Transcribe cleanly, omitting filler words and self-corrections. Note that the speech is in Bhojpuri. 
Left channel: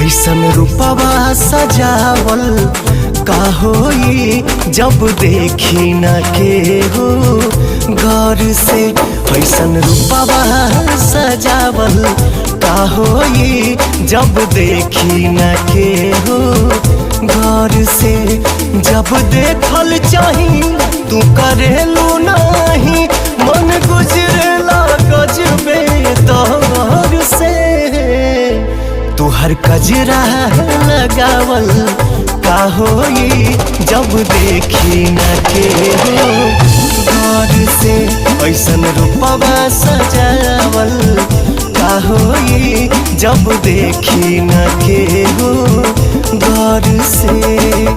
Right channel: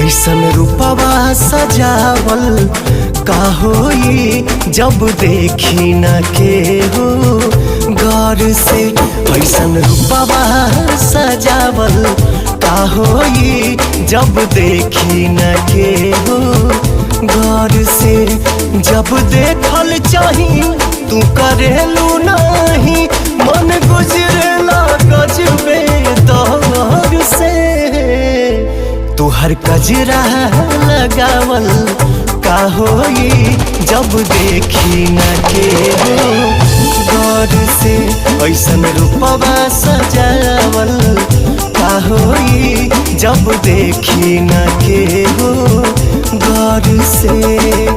ऐसन रूपवा सजावल का होई जब देखी न के हो गौर से। ऐसन रूपवा सजावल का होई जब देखी न के हो गौर से। जब देखल चाही तू करेलू नहीं, मन गुजरेला गजबे दौर से। तुहर कजरा लगावल का होई जब देखी न के हो गौर से। ऐसन रूपवा सजावल का होई जब देखी न के हो गौर से।